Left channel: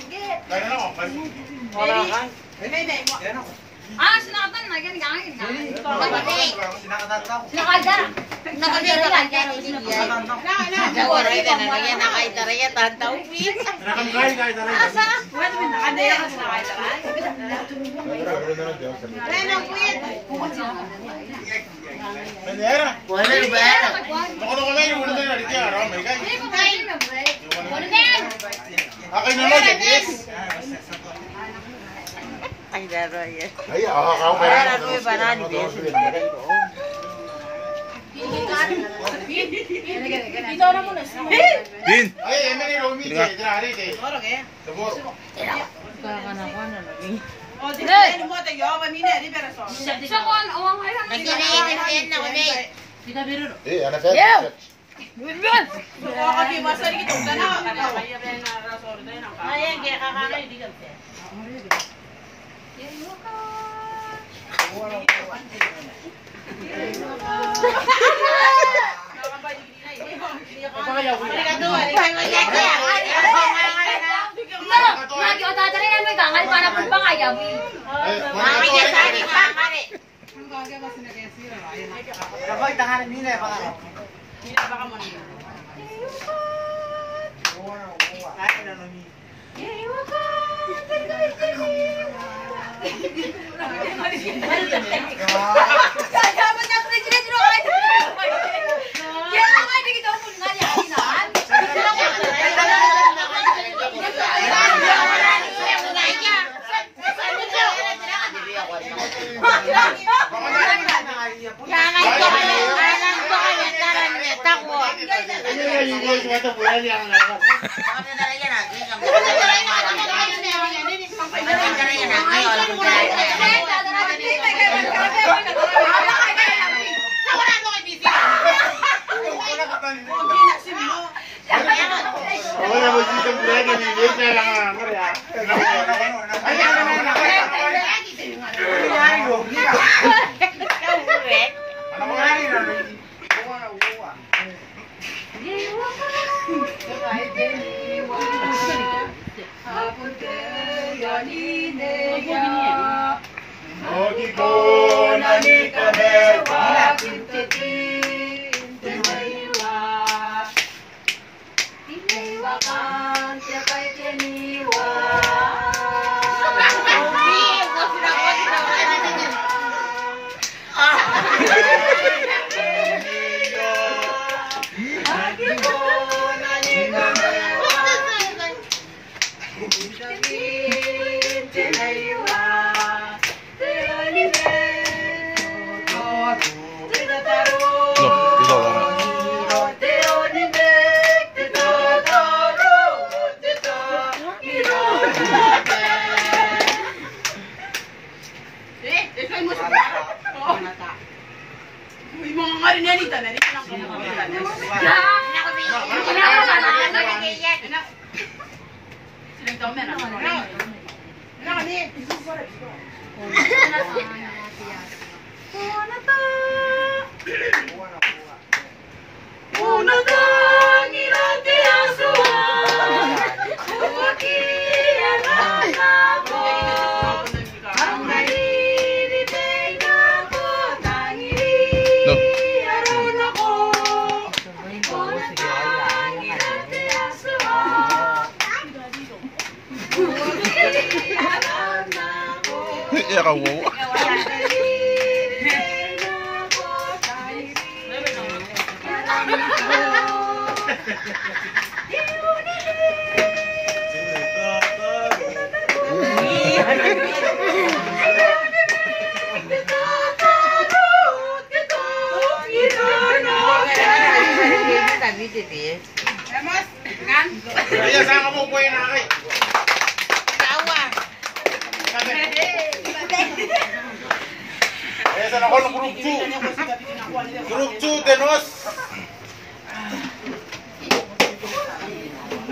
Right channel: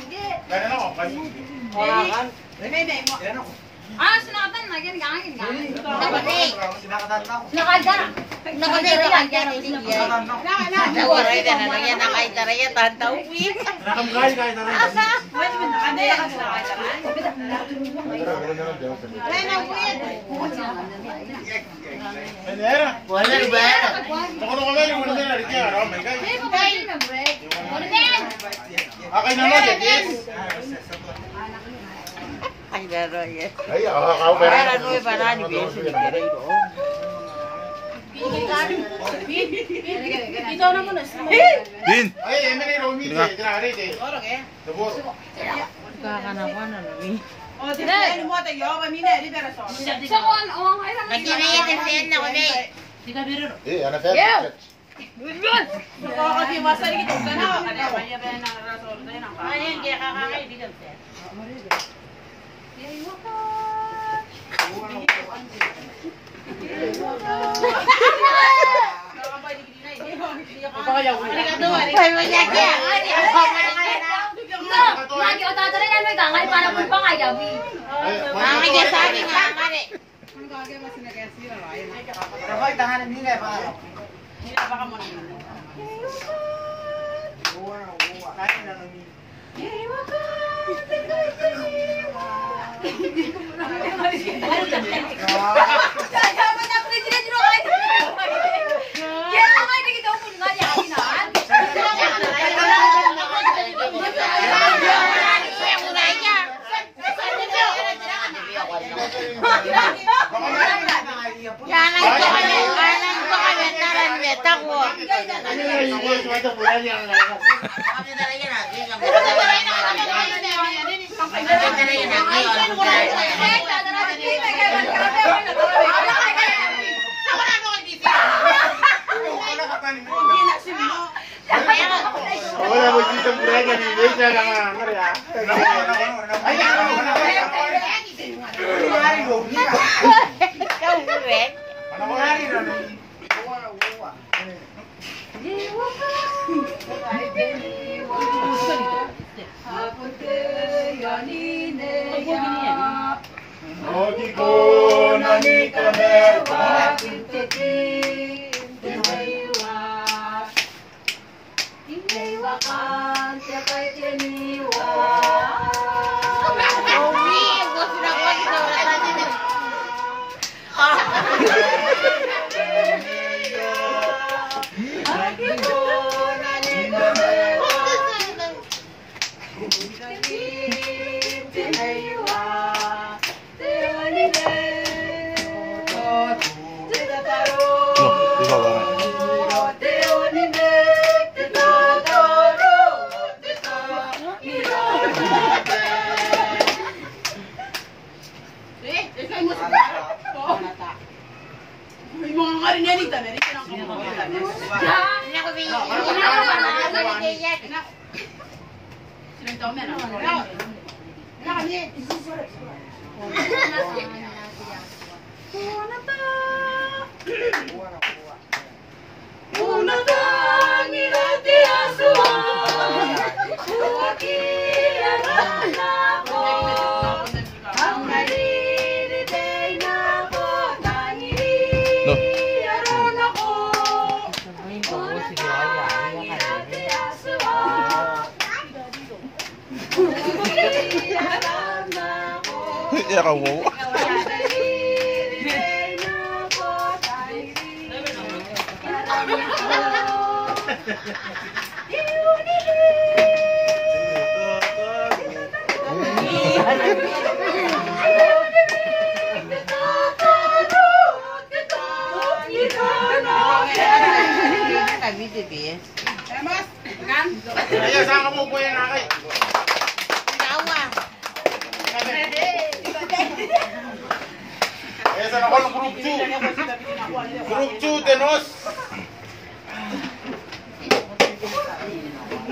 Ganun ako. Sinakatan na. Ganyan. Sinakatan ako. Sinakaldara. Nakaldara yan. Nakamkay kahit na rin. Asa? Kanyera. Wala ba? Ako na kami, muna ba narin kaya araw, may kaya. Akin na lang, yes. Ay, daro yan. Ay, ako ba? Ay, ano yung banana, bes? Ito na muna. Din. Ay, emang yung Romy, tinari, eh. Sabor. Kakana-kana na rin. Sa kuwan, ang ay naman. Eh, ano tayo? Lagi o tatari na may gangal para pun pa kaya. Ya kamu. Kaya saan ka po po yan, Aki? Kaya saan ako ng Group 2? Group 2, Denos!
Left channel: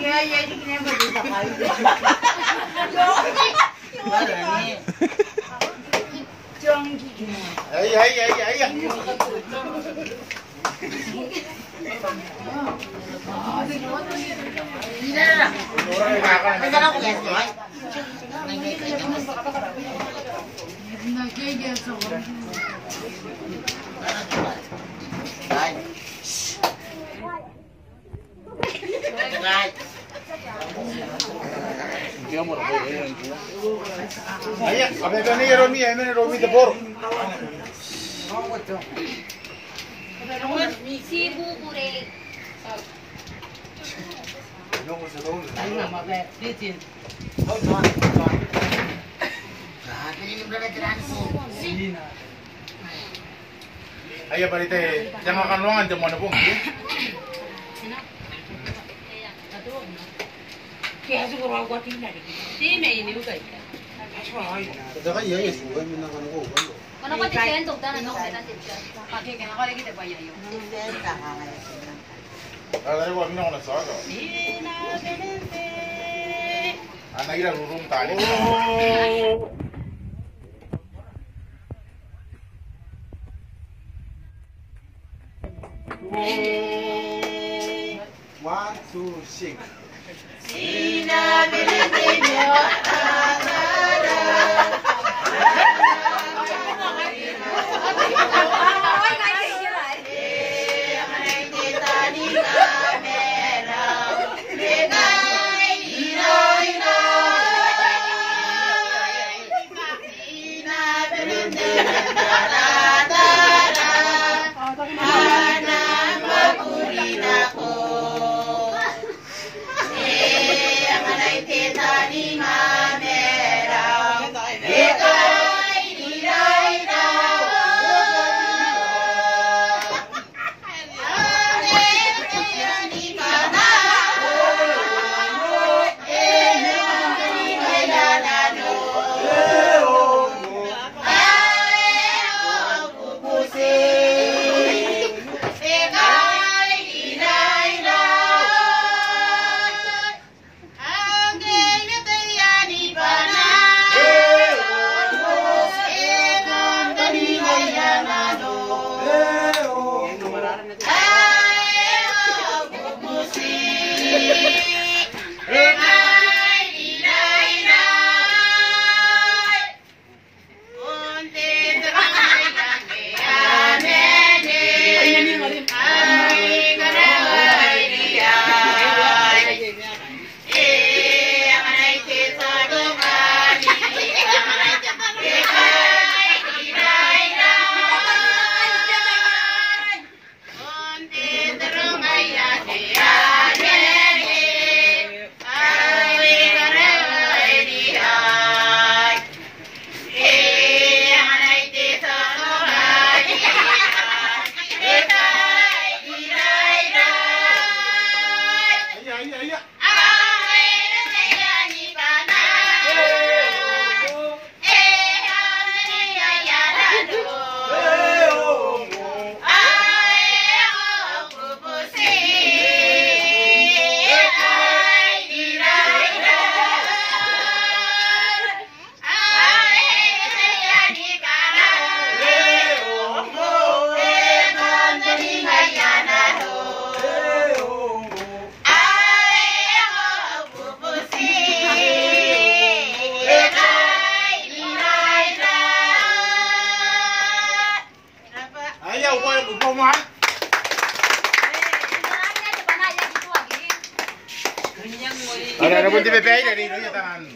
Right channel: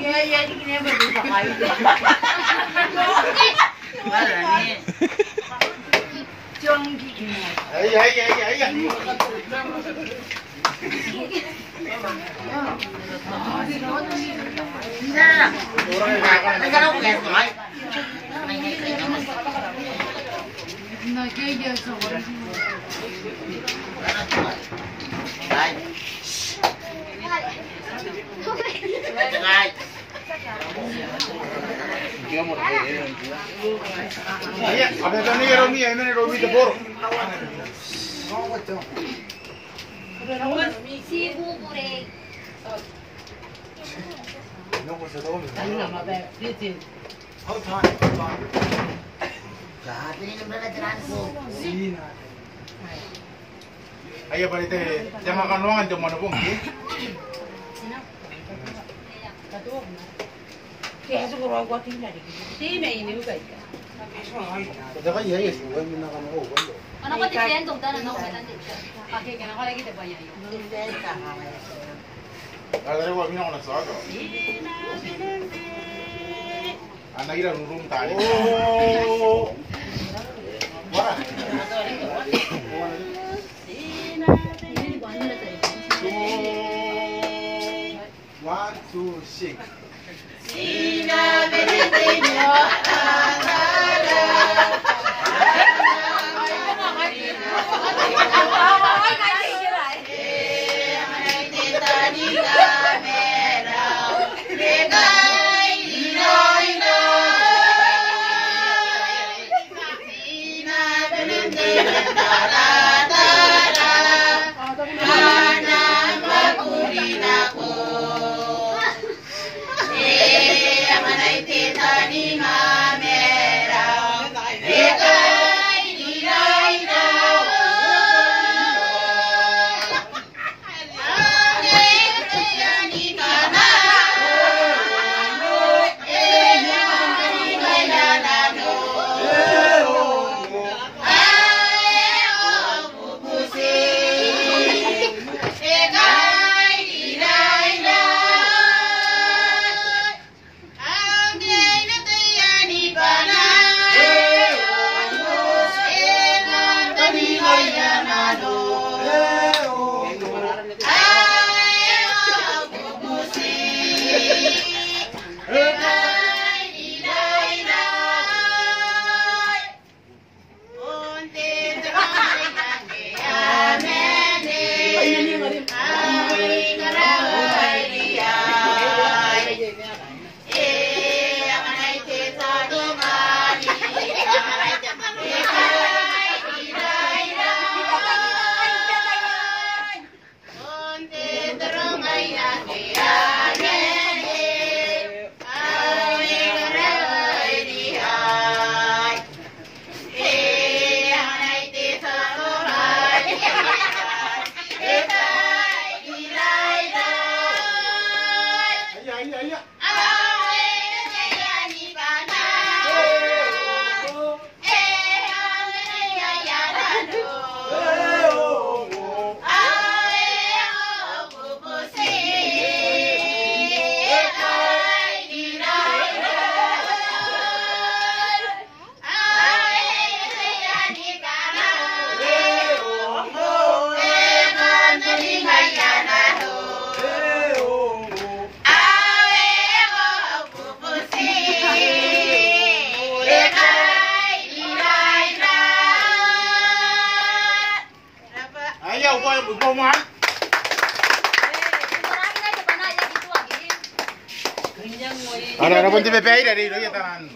Ay. Ayan, abang ito ni Romy, ay man Romy the Boro. Si Bubure. Ayan, balite, jangan kanuangan, jangan mana pun. Kaya siguro ako tingnan. Di may iniugay ka. Saka iya, yes, huwag mo na kanuho. Ano ka titiyan? Tugda na nung kailan titiyan. Okay, kaya ako lagi tayo yun. Alam mo, minako na sa ako. Ira rurum tali. Oh. One, two, six. Ada pun tipe pay dari lo ya tan.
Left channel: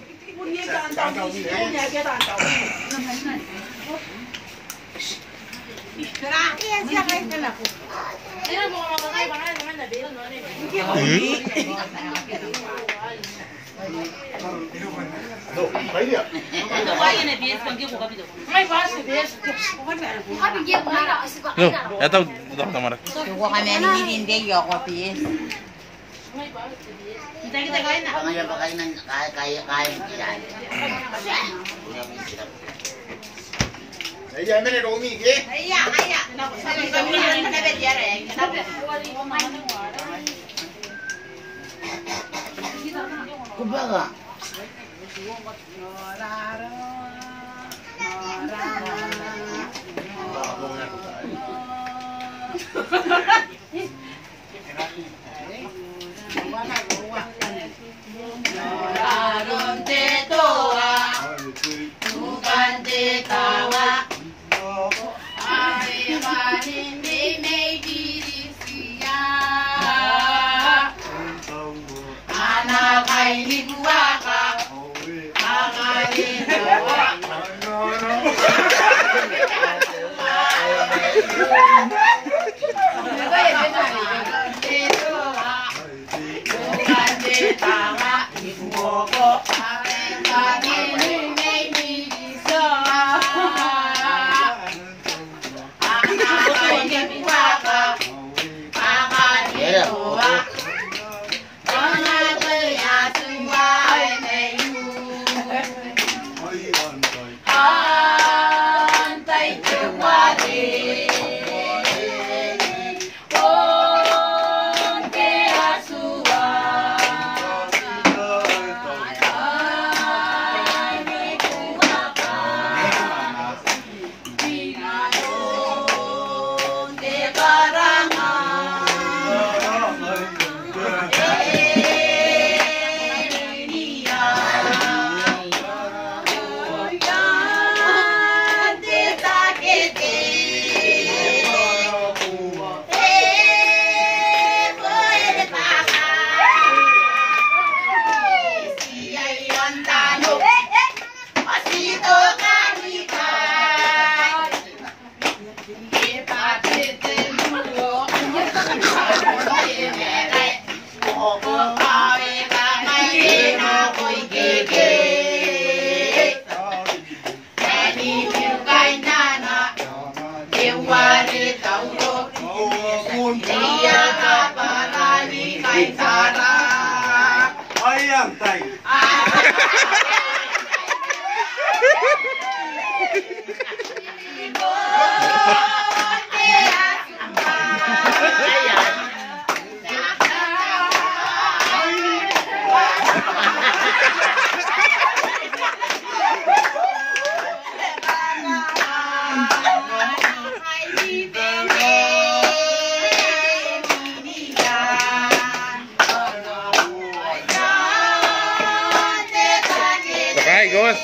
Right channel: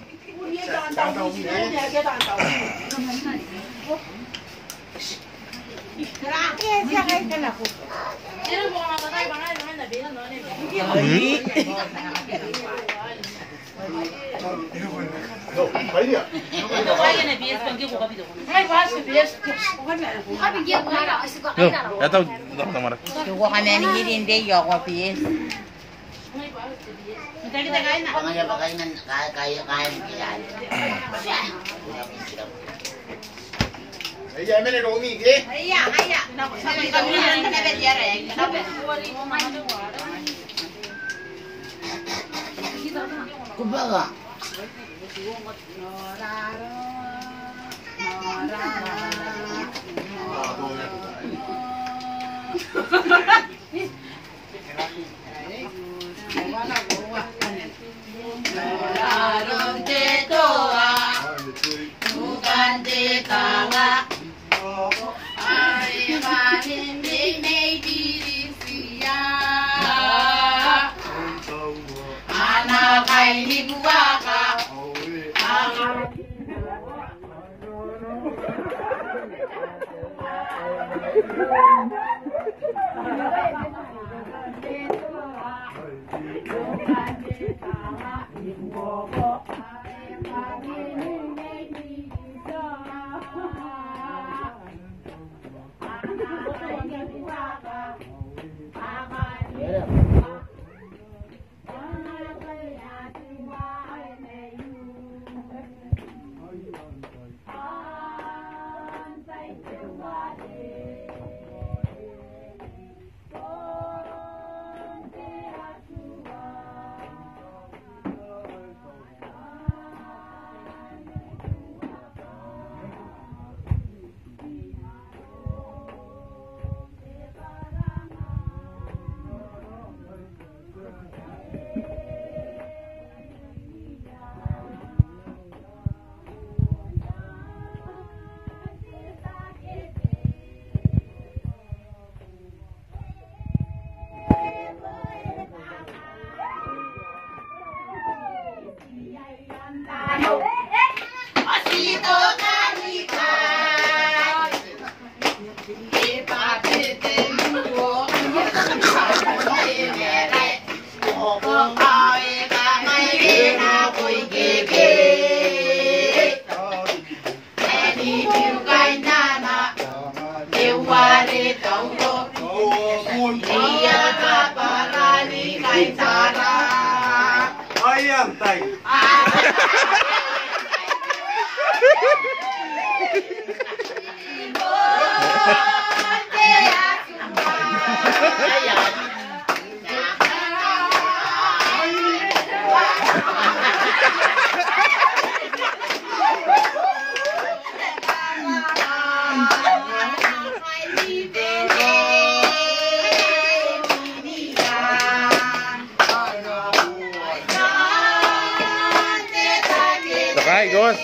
No, pay dia. Ito kaya na BS pang gibo kapito. Ay, basta best. Ay, bigyan ko na. No, ito, ito tamara. Suko ka na ni hindi yo ko BS. Hindi kita kaya na. Kaya ba kayo ng kaya kilan? Ay, ay, meron Romy, eh? Haya. Sabi kami na nabediyara eh. Kumbaga. Laron te toa, bukan te tawa. Hari hari ini diri siap. Anak kaini buaka, angin bawa. Ayam tay. Sakay, Gus.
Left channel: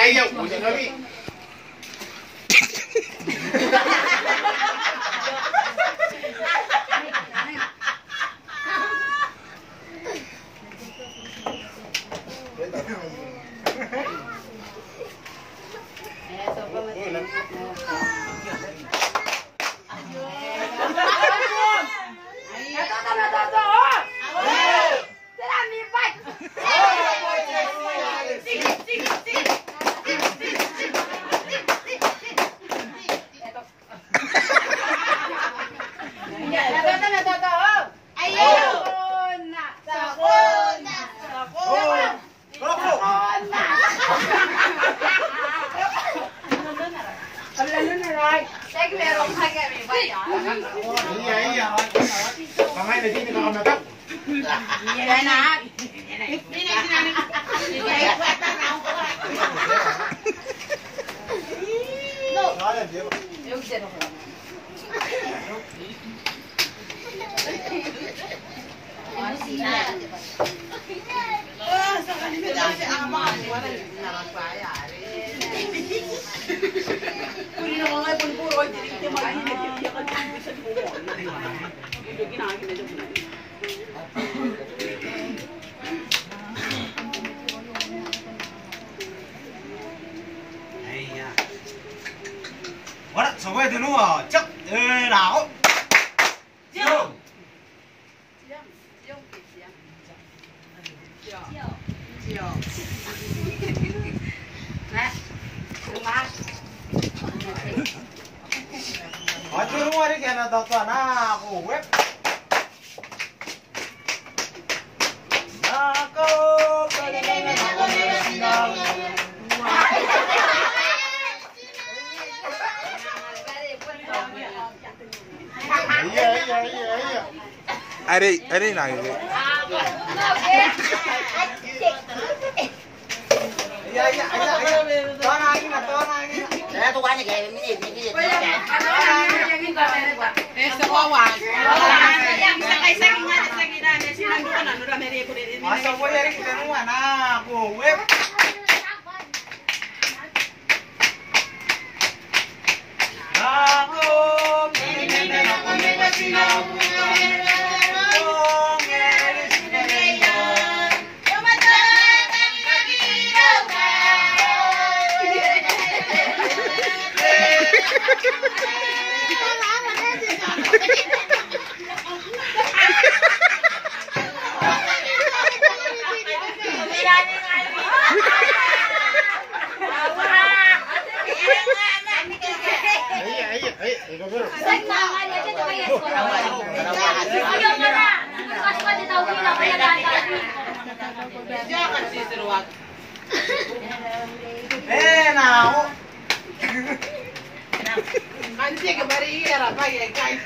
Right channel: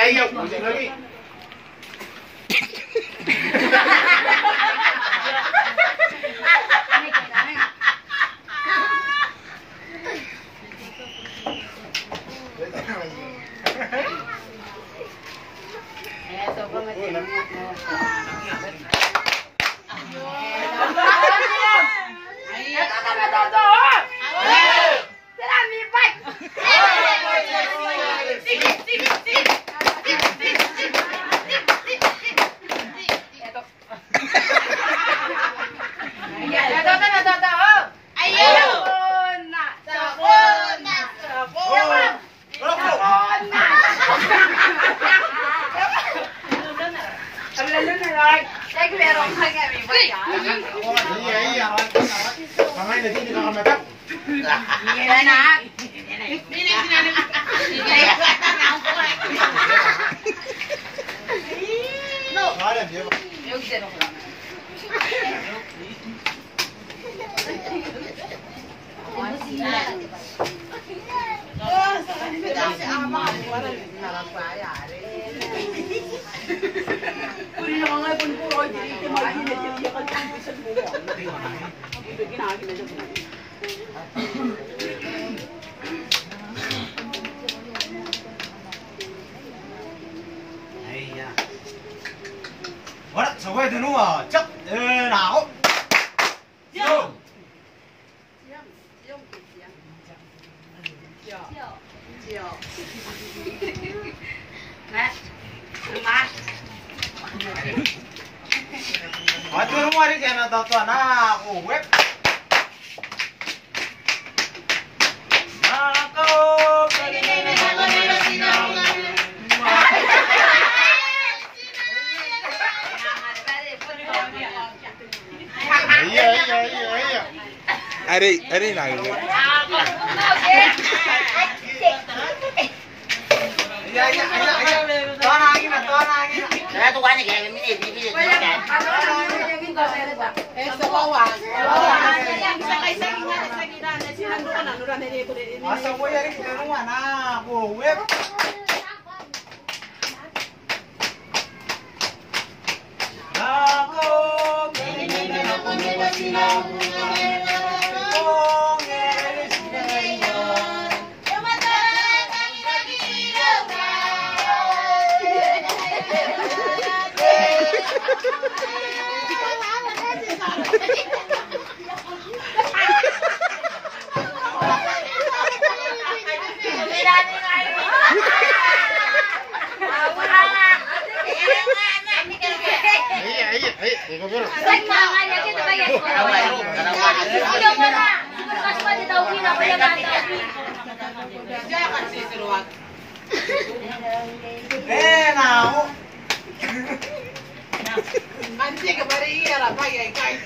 Ayaw, punya lagi. What? So where do you know? Chắc nào? Vô. Aduh rumah ini kena tahu anak web. Aku Ada nak ke? Saya tu kan ni kayak ini. Masa boleh hari kita rumah nak aku web. Aku now. Anjing kembali ya, apa ya guys?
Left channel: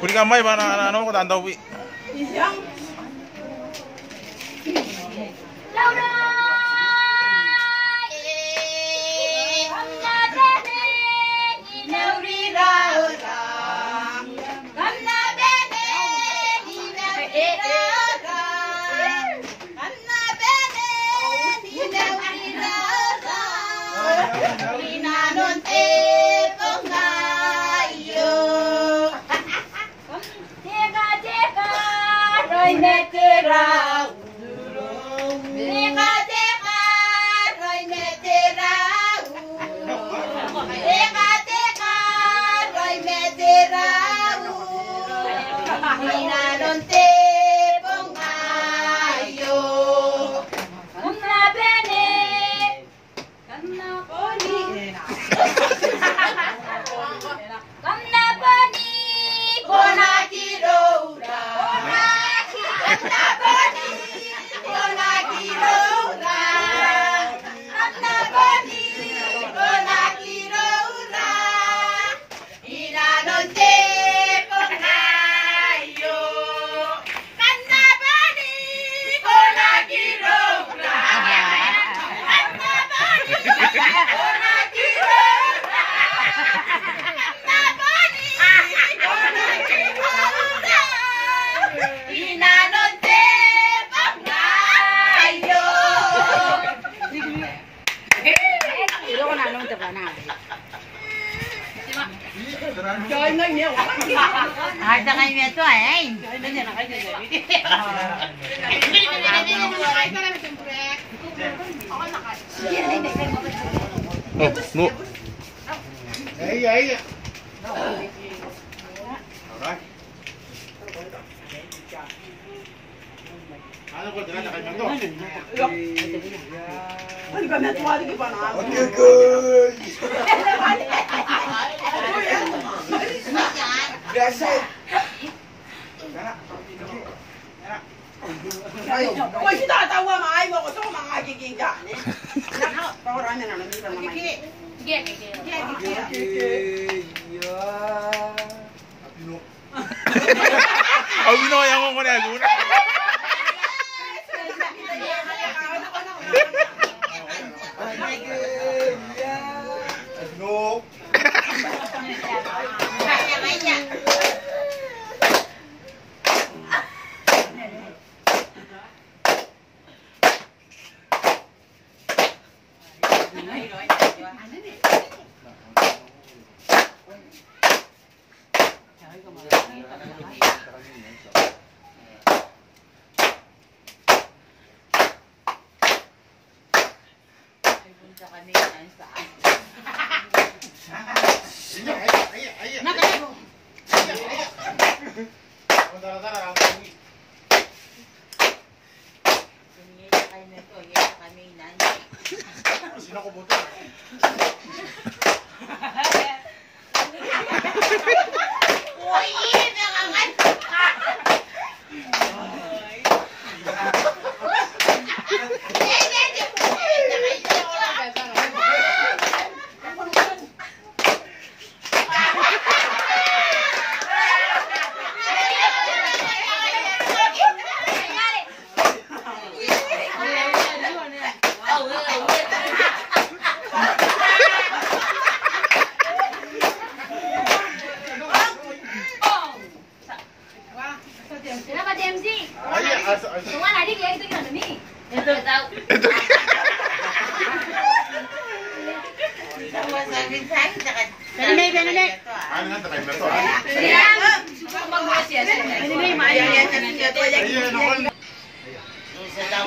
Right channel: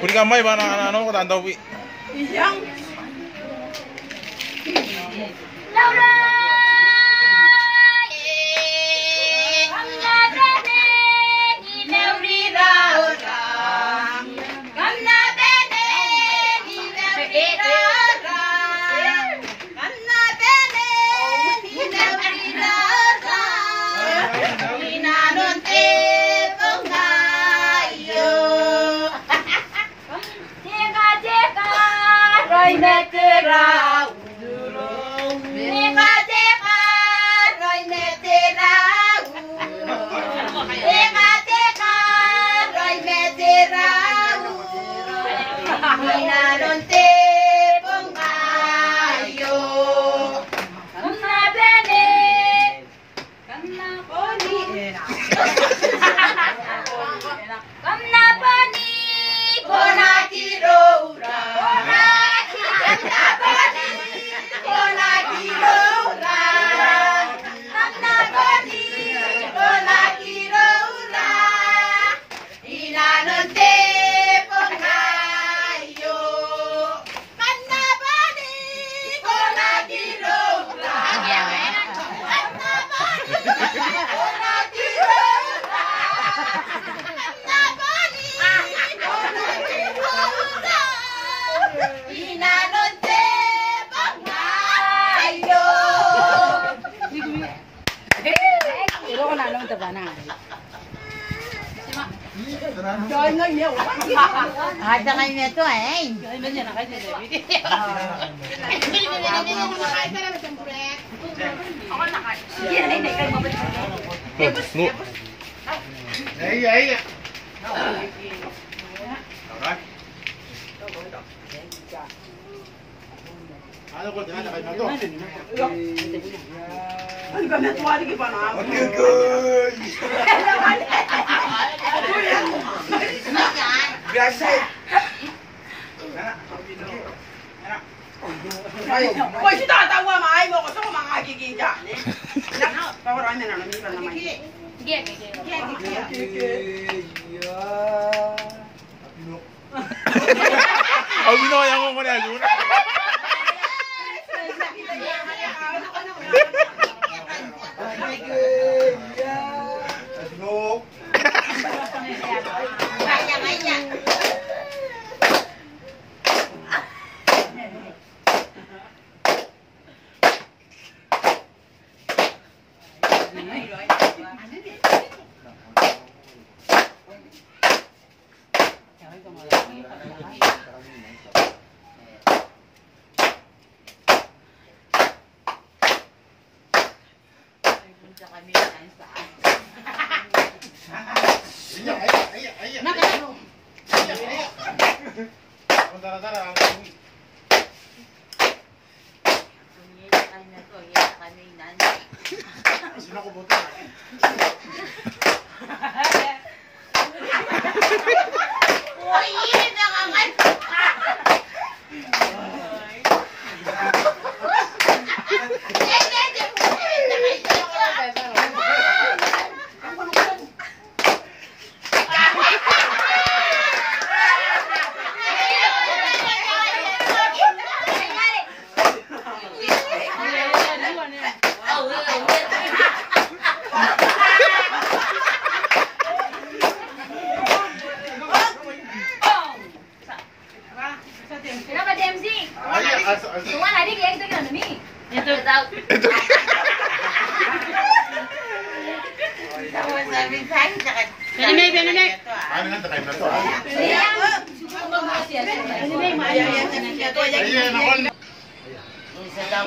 Puri kamay ba na ano ko tandaw pi. Laura! Ada kayo ito eh. No. Ahí. Ano ko dinala kay Mando? Ano ba may tuwali ka ba na? Kung si tatawa, maay mo ko ito kung makakiging dyan. Pawaran na naman naman. Sige. Ang binoyang ko na yun. Sino ko buto? Kenapa DMZ? Tuan adik ya itu kan demi. Itu tahu. Benar. Ano nga takay Mando? Isa daw.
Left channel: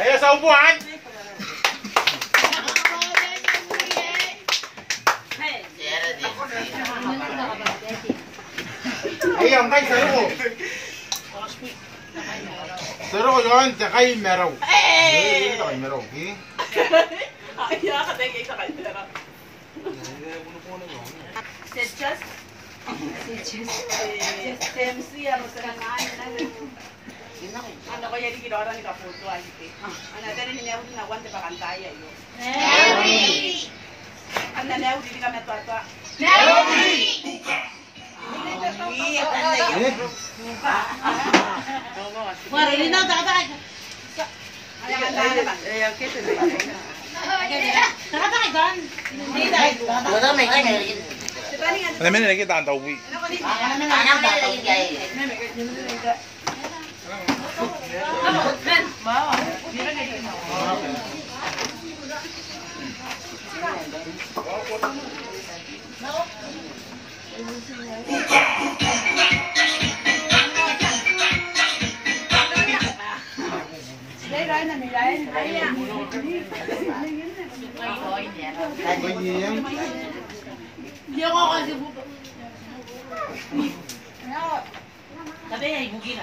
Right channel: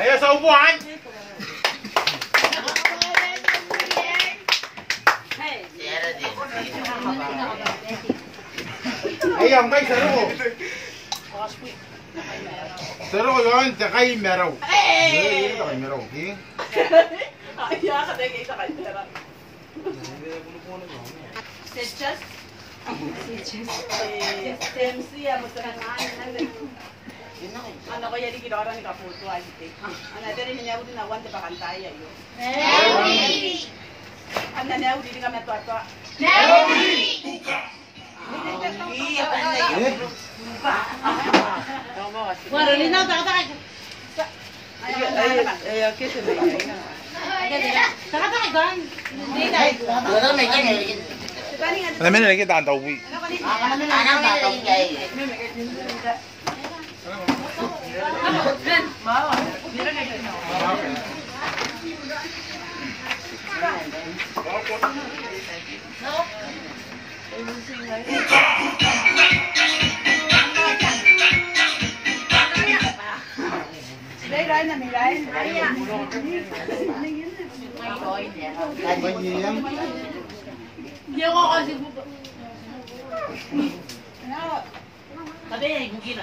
Ayo sa upuan. Ayan, kay Saro. Saro yun, kay Mero. Kay Mero, okay? Ayaw ka tayo sa kaldera. Sechas? TMC, masarang ano ko yan ginawa ni Kaputo ay ite. Ano dali ni Neo na wante pa kantaya yo. Neudi. Ano Neudi di kami atwa. Neudi. Waro linaw ta ta. Ay ang ba? Eh okay to na. Ta ta gan. Hindi na. Wala may kanya. Alam mo na lagi tanda uwi. Anak na lagi gay. Hindi ako kasi buto. Sabi ay bugi na.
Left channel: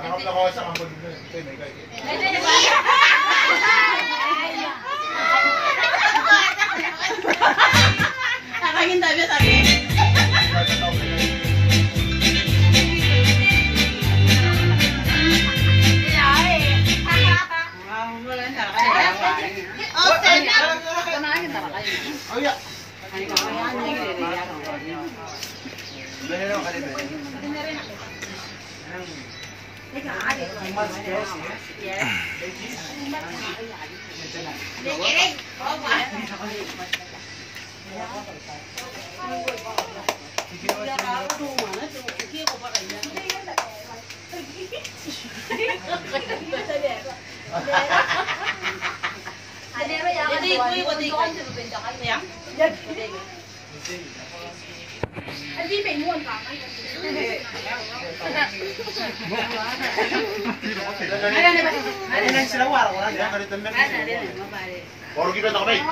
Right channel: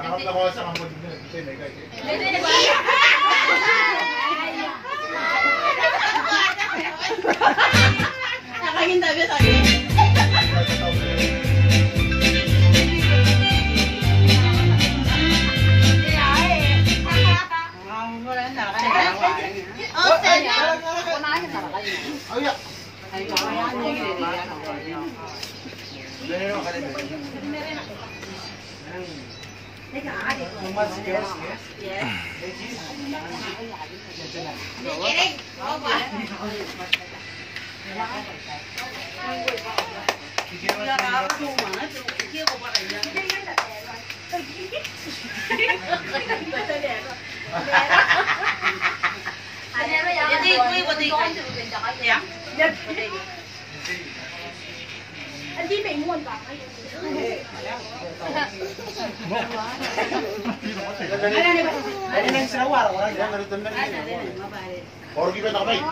Hanap na ko sa kampon na. May kaya. Nakahinda ba sabi? Baru kita tak baik.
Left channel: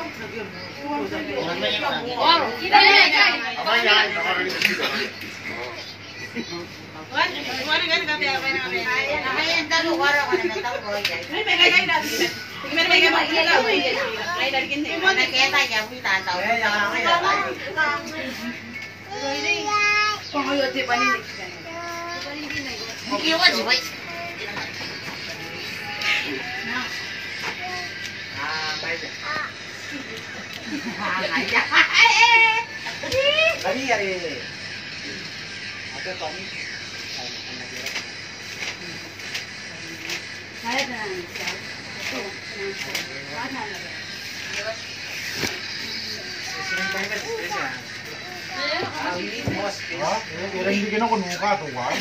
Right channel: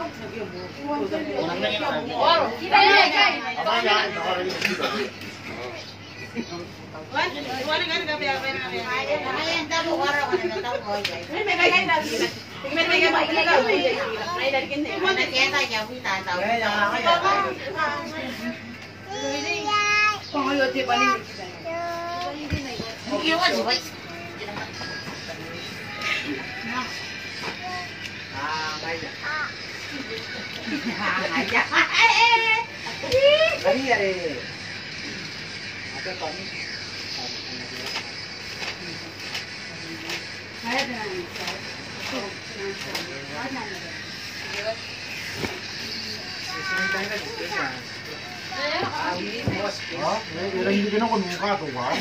Hindi ko mukha to, wow.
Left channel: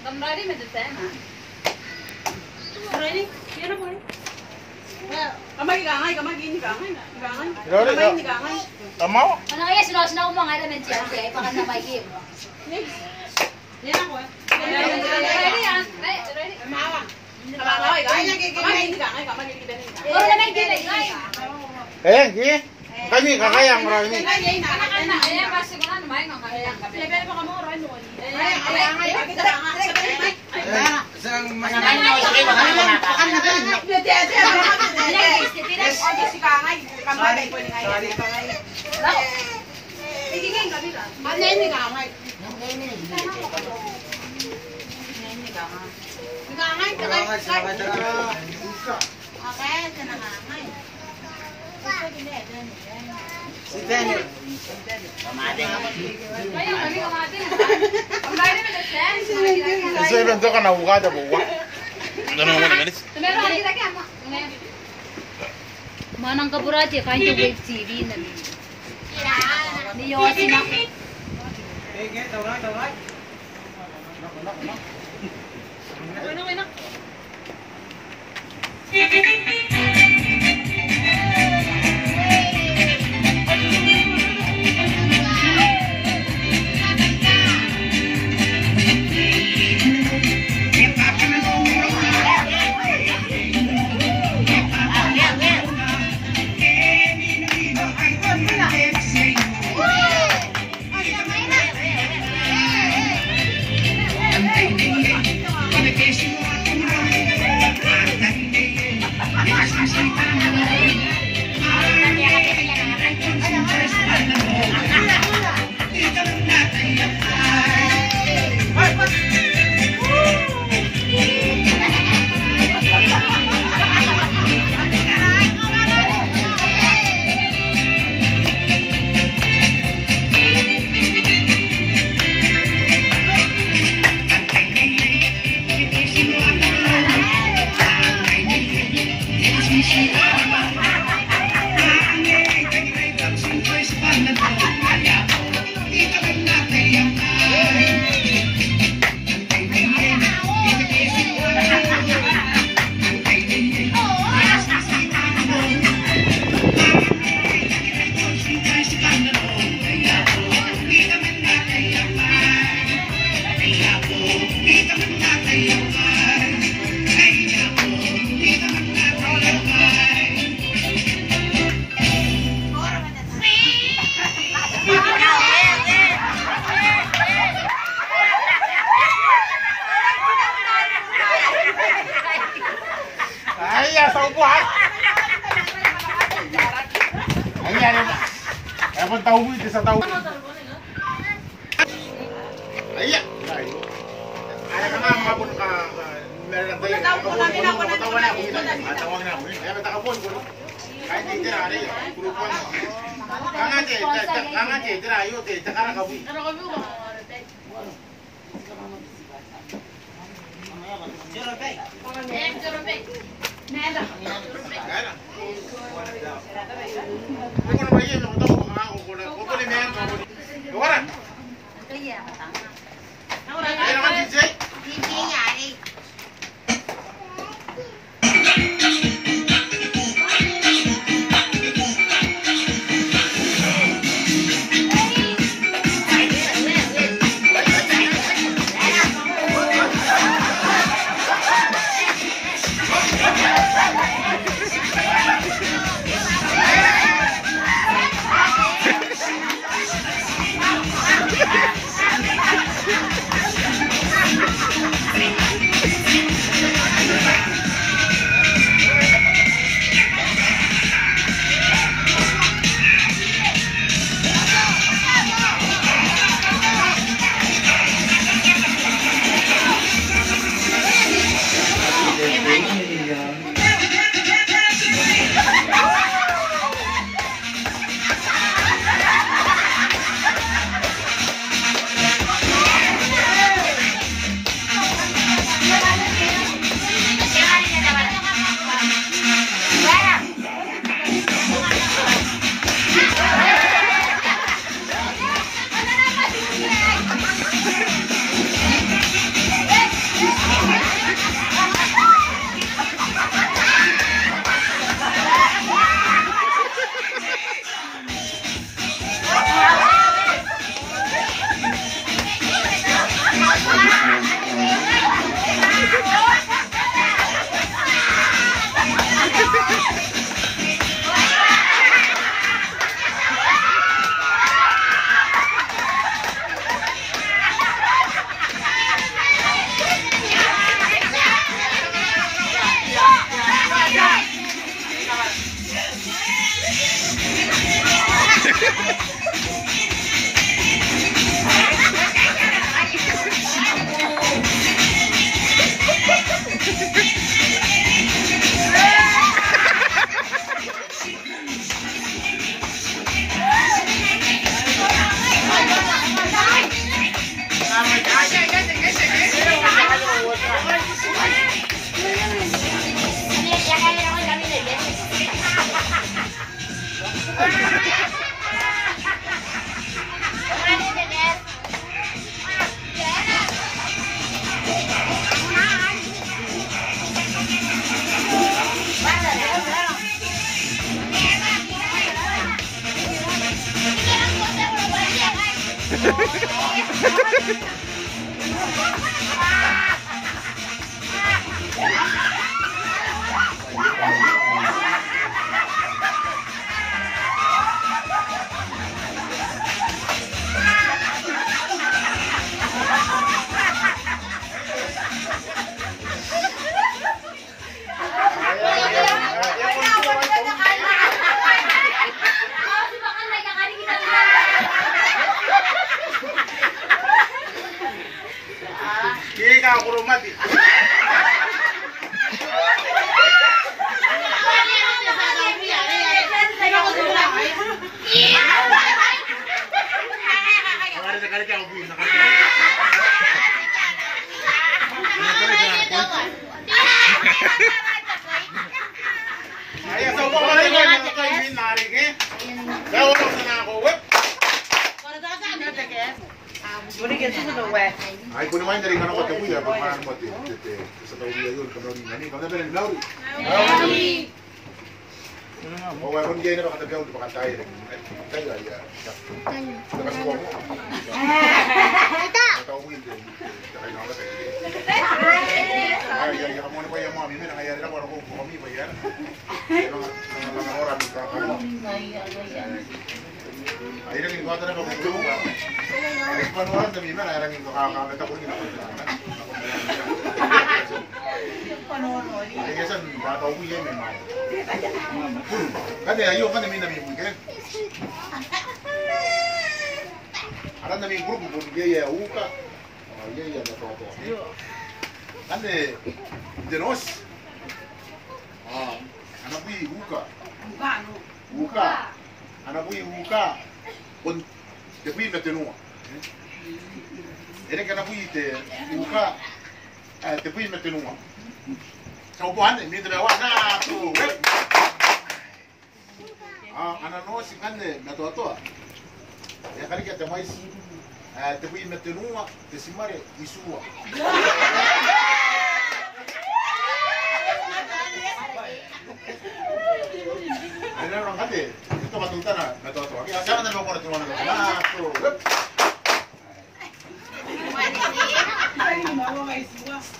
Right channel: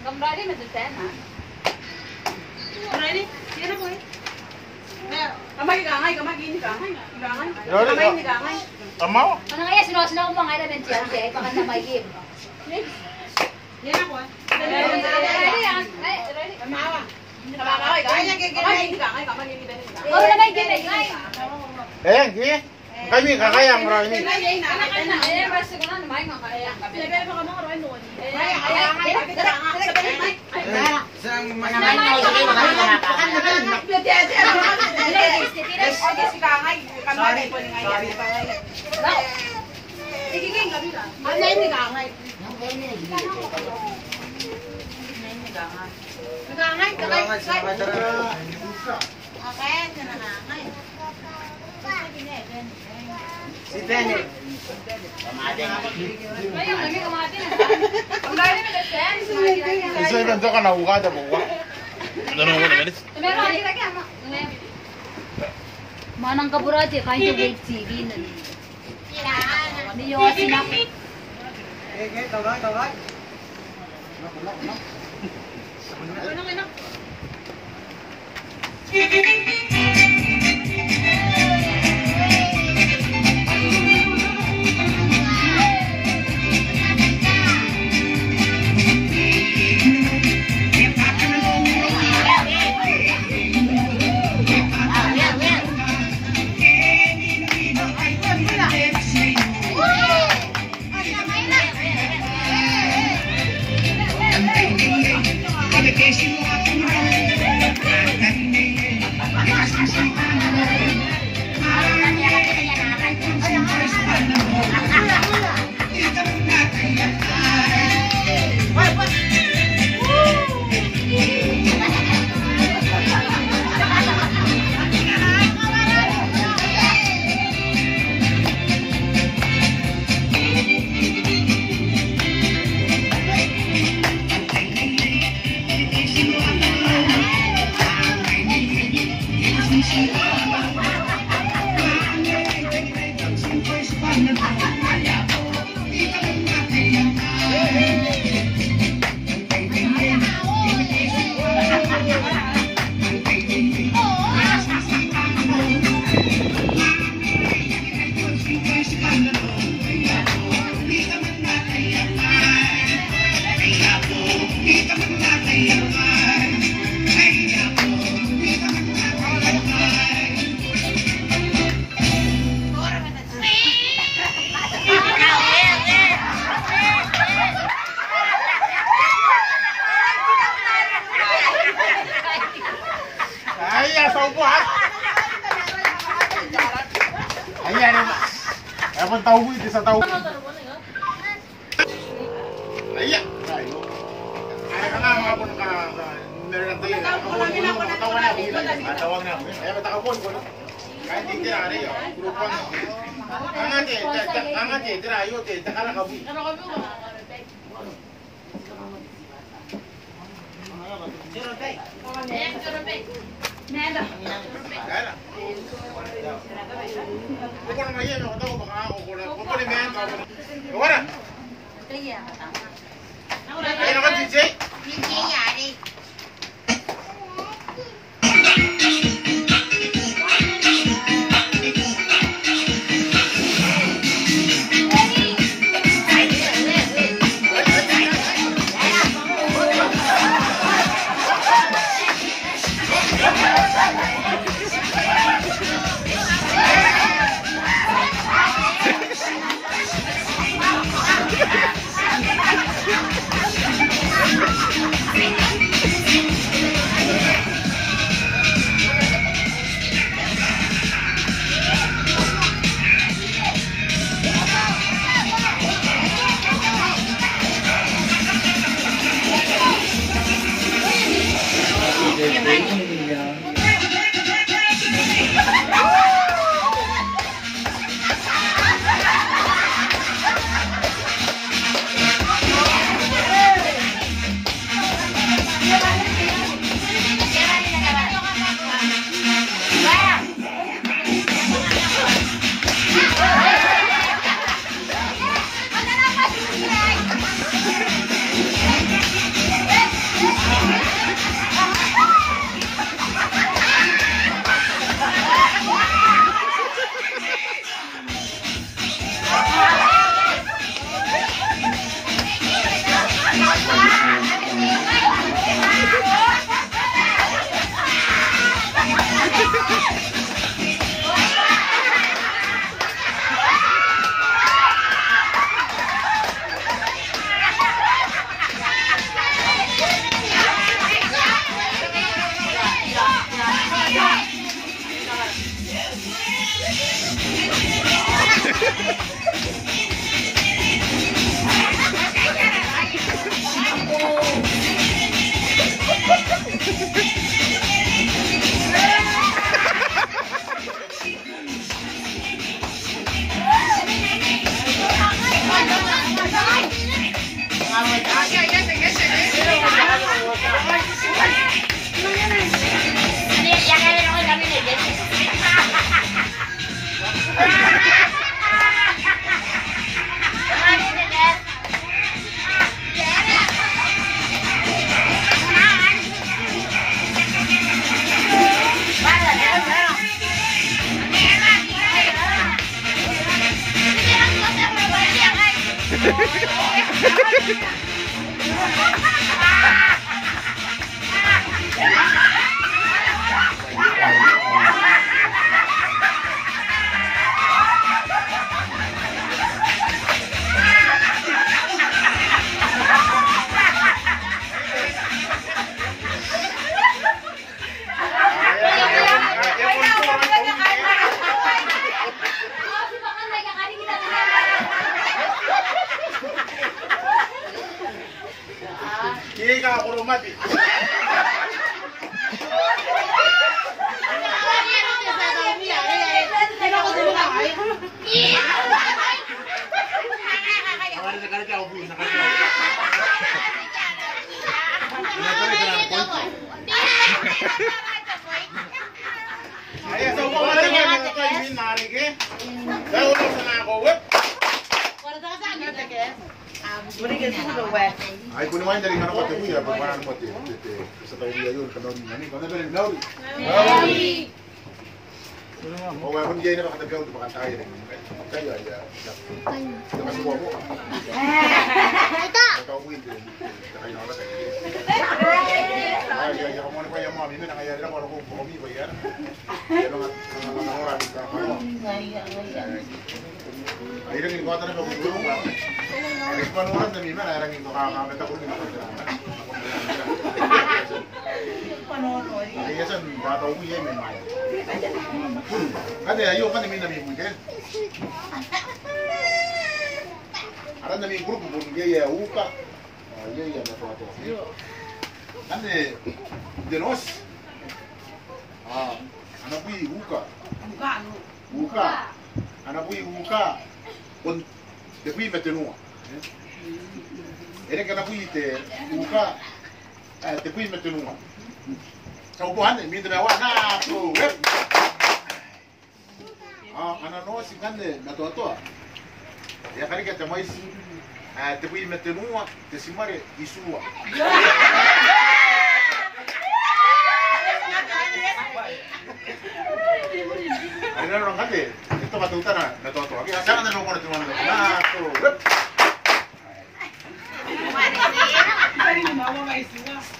Kembali mendesain, ha? Ready? Yan ako eh. Kamay gangay, kamay gini gangay. Gangay. Kamay Kamay gangay. Tamaw? Ano kaya sino ko mga element siya? Kaya ipakan na may game. Yan ako eh. Ready yan? Ready? Kamawa. Kamawa eh. Kamay gini gangay, kamay gini gangay. Oh, na may game. Gini. Kami kakayang bro ini. Anak-anak, eh, masuk na naman ng kaya. Level pa ka mo ron noon. Si Daniel. Kasi nandito ka na ukada buwa. Ano mo na galit? Manang kaburaje kain to wave TV na ni. Ni yo sinak. Tawag. Ayan, tahu itu sa tahu. Ayan, tayo. Ay ka nga mga pun ka meron na tayo. Tawag na ako. Tawag na ako. Ayan, takapon ko. Kahit hindi na rin, grupon. Angate, tirayo, takara ka buhi. Nada. Kung ano ba yan, ako tayo, kung ano ba yan, wala. Kaya ka tama. Ay naman, DJ. DJ yari. Kika ako rumati. Nakali ka ako, nakali ka. Ay, sa upo ka rin ba? Nakakaibin, narik eh. Kaya ko lang sana ako, wep. Ay, kung naman dari mana kota dia, bagaimana mati? Setelah dia itu kenal di mana? Kau dari Nauri. Nauri. Oh, walaupun dia ini kata dia untuk makan tai, tai aja. Terima kasih buat. Tahu itu, jangan nama saya. mga pa yung mami, nangyayari lang kung kami ba yan? Mga oras ng kakamo. Ay, rin ko na kung ka. Ay, panuran na mima, nayarangin ko kakakamit ako rin ako. Ay, yasan, bata ko yan, may maya. Kasi ayaw ka namin namin weekend. Aran namin grupo, kung gaya uka. Gaya na to. Kandi, dinos. Anak ko uka. Uka. Anak ko uka. Kung depuis maintenant. Ele que anak ko ite uka. Depuis maintenant. Sa upuan, may dalawa na to. Anak no si kandi na to. Ya kali kita mais depuis maintenant que si mare isua. Ada orang kata, itu kata na to. Oke, asal na ko na tuwan na. Na to.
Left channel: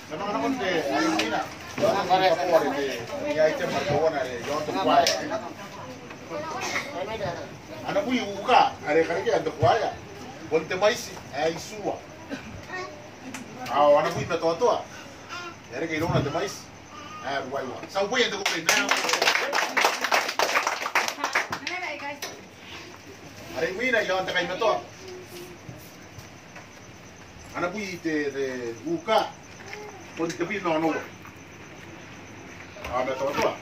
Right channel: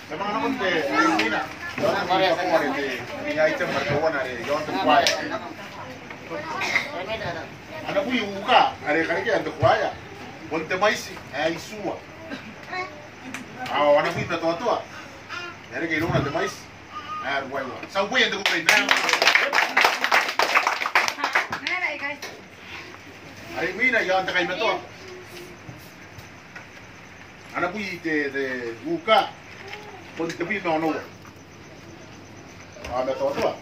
Sama anak kon de, ayo mina. Jangan Maria sa kuwari de. Ya item markawa na de, yon to kwaya. Anak ko yung uka, are kali kaya ando kwaya. Bonte maisi, ay suwa. Anak ko yung natoto. Yari kayo na de mais. Why? Sa upo yan ko rin na. Are mina yon ta kay nato. Anak ko de uka. Bonte bi no no. Natoto.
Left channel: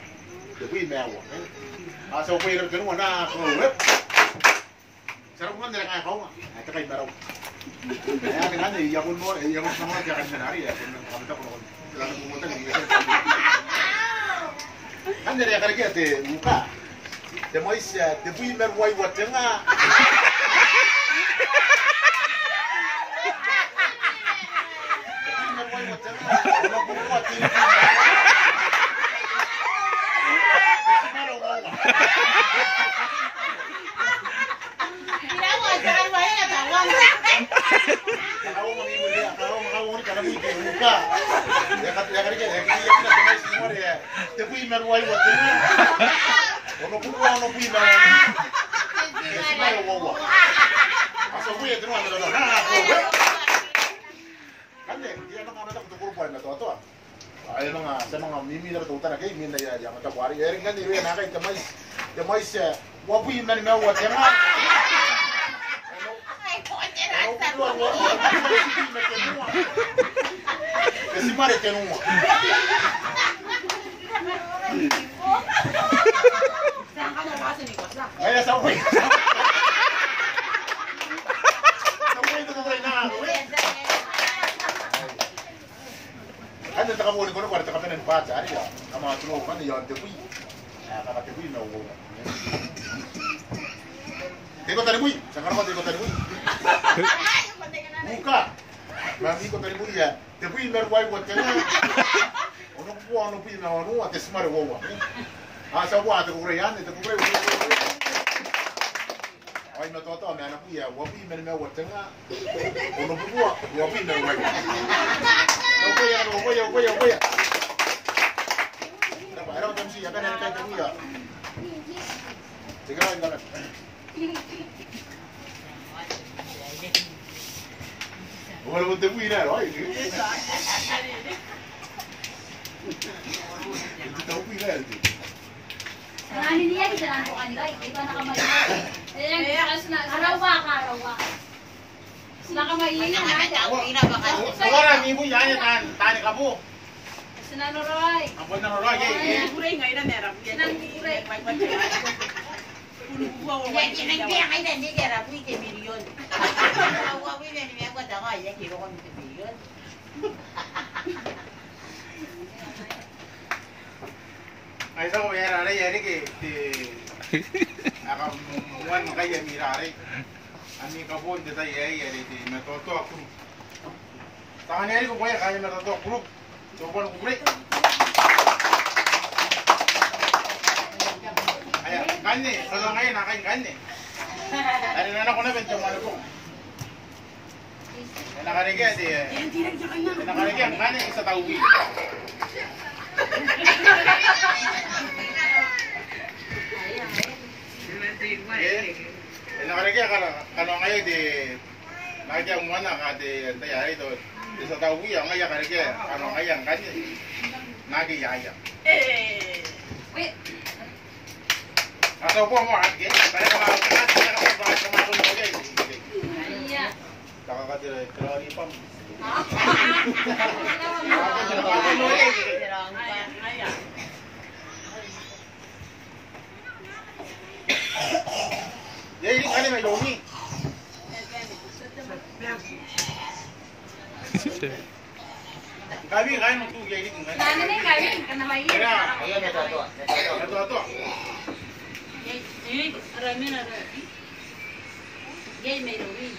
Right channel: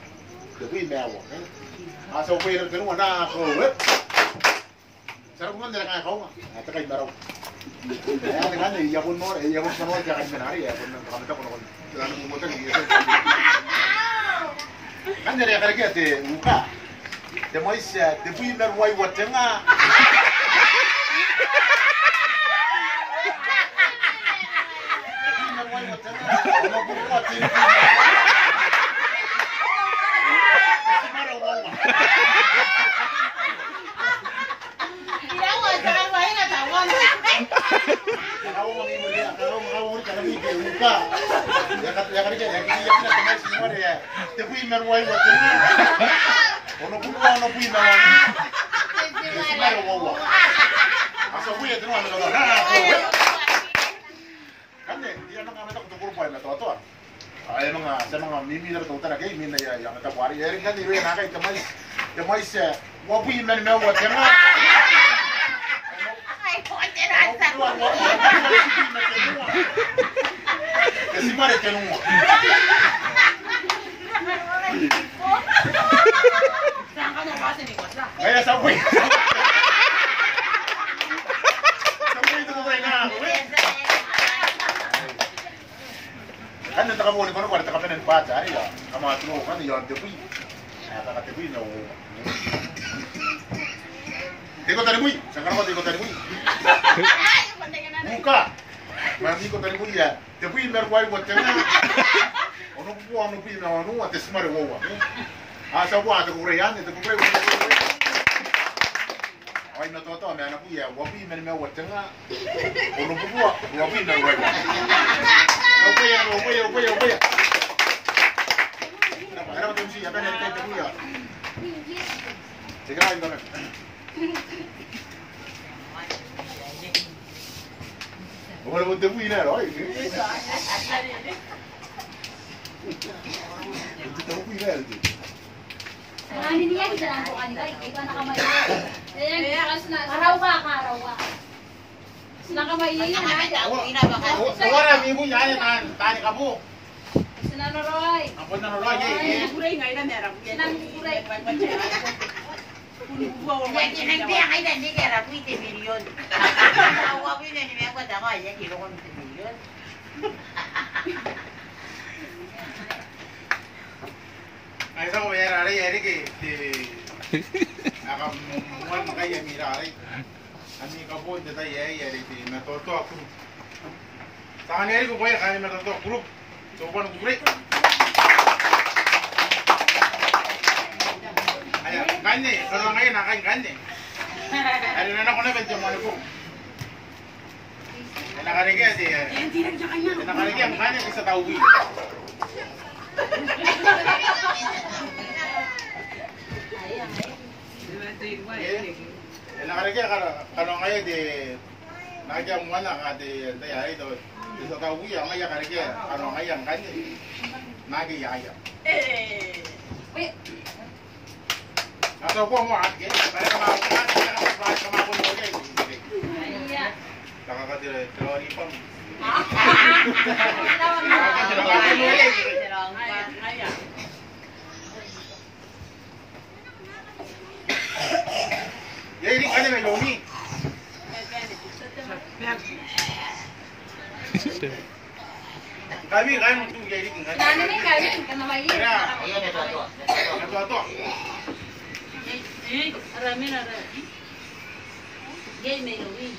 De bi mewa. Sa upo yan ko na ko. Sarap mo na kaya ko nga. Ito kay Baraw. Kaya nga na iyakon mo, iyakon mo kaya kanina nari, iyakon ng kamita ko noon. Sila nang pumunta ng iyakon. Kan dari kaya kaya te muka. Te mo is te bui merwai watenga. Merwai watenga. Ono ko pati. Kalau mau ngimul dia, kalau mau kalau mikir buka. Ya kan dia na tumay semua dia. Tapi merwai waktu ini. Ono pui merwai. Ya semua wawa. Asal gue itu mana dah. Kan dia nak anak tu kurang na to. Ay mga sa mga mimi na tutan kay min na yang ta wari. Eri kan dia na kay tamay sa wapi na na wa tema. Kasi mare tenua. Kaya sa uwi. Ano ta mo ni kono para ta kapenan pacha ari ya. Ama tulo kan ya dewi. Kaka dewi na wo. Teko tadi bui, sekarang teko tadi bui. Buka. Mandi ko tadi bui ya. Dewi merwai buat tengah. Ono ko ono pi na ono ate smare wo. Sa wa ta ko reyan, ta ko re. Ay na toto me ana pi ya, wa pi mer me wa tengah. Ono ko wa pi na wa. Voy. Ahora vamos a acá en el techo ya. Se queda ahí también. Bueno, pues te fui nada, ay. Te fui nada, tío. Marami niya kita ko kanila, ito nakamay. Araw ka. Nakamay na. Orang ibu ya tani kamu. Sinanoroy. Apa nanonoy? Kuray ngayon na meron. Kuray. Ya tienen bien ahí de ni que era muy de millón. Agua viene ni me acuerdo más ya quiero con de millón. Ay sa ko ya ara ya que akam muan makaya mirare. Ani kapon de tay ay ay di metoto aku. Tangan ari ko boya kali metoto aku. Coba ko break. Aya, gane, kalau ngayon nakain gane. Ari na ko na bento mo ko. Nakarige di. Nakarige ang gane sa tawbi. Nakareke kalau ngayon di nagyang mana kade tayari to sa tawi ang ngayon kareke ano ngayon kanya nagi yaya atau po mo at kaya kama ko mo dai nakakatira troni pam Jadi kan may longi. Kami kan untuk jadi kan. Nana ni kami kena main. Ya, ayan ito. Ito. Aramin ara. Gay may luwi.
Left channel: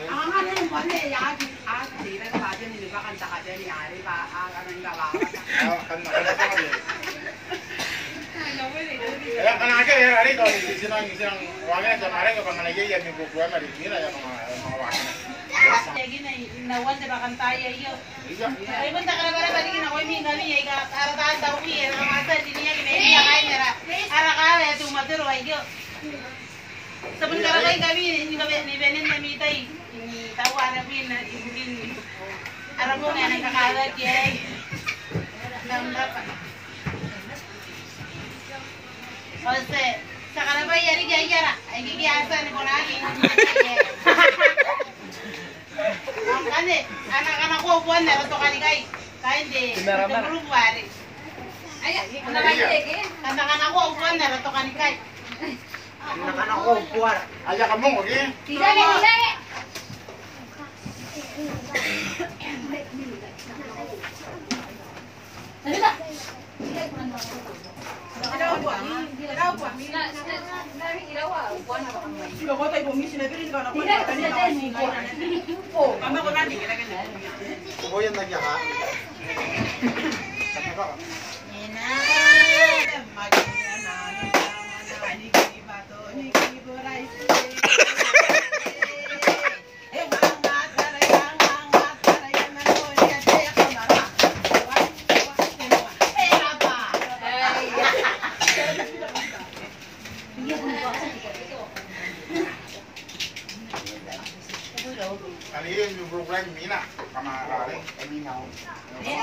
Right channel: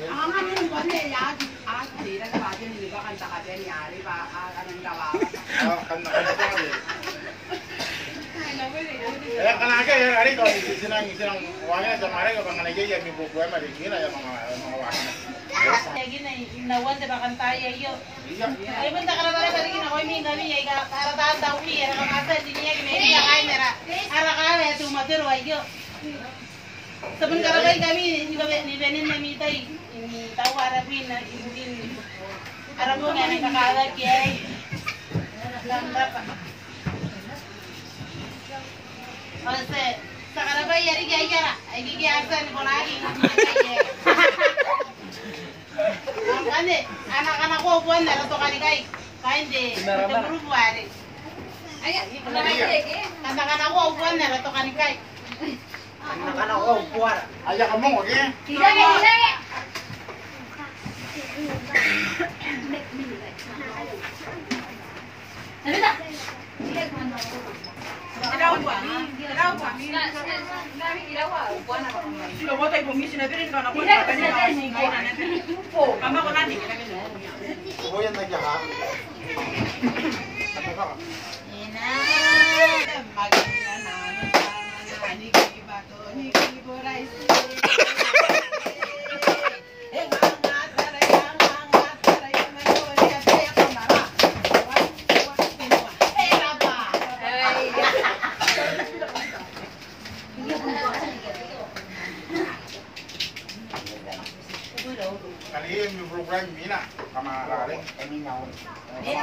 Ang ano mo ne ya di lang ba din ni ba kanta ka din yari ba ang gawa. Kan ya kan aja ya hari to sinang wangnya jamare ka bangan aja ya mi buku ama di sini ya mga wakna. Lagi na wala ba kanta yo. Ay banta ka bare bare kina koy mi ngami ay ka ara daw wi era masa di niya kini ya kay nera. Ara ka ya tu matur wa yo. Sabun karabay kami ni benin na mi tay ini tahu ara win na din. Ara mo na nakakala kay. Ganda pa. Ose, sekarang apa ya dia aja, ini dia asal nih konagi. Makanya anak-anak gua buan dari tuh kali kai, kain deh, itu baru buat. Ayo, anak-anak gua buan dari tuh kali kai. Anak-anak ko buwan. Aja kamu oke? Tiga ni. Ada tak? Sila mo tayo bumisi na pero ikaw na po na kanina ako singay na natin. Kama ko natin kita ganyan. Boyan lagi ha. Sakto. Ina maganda na ni kibato ni kiboray. Kali ini program mina kama raring. Kami na. Eh,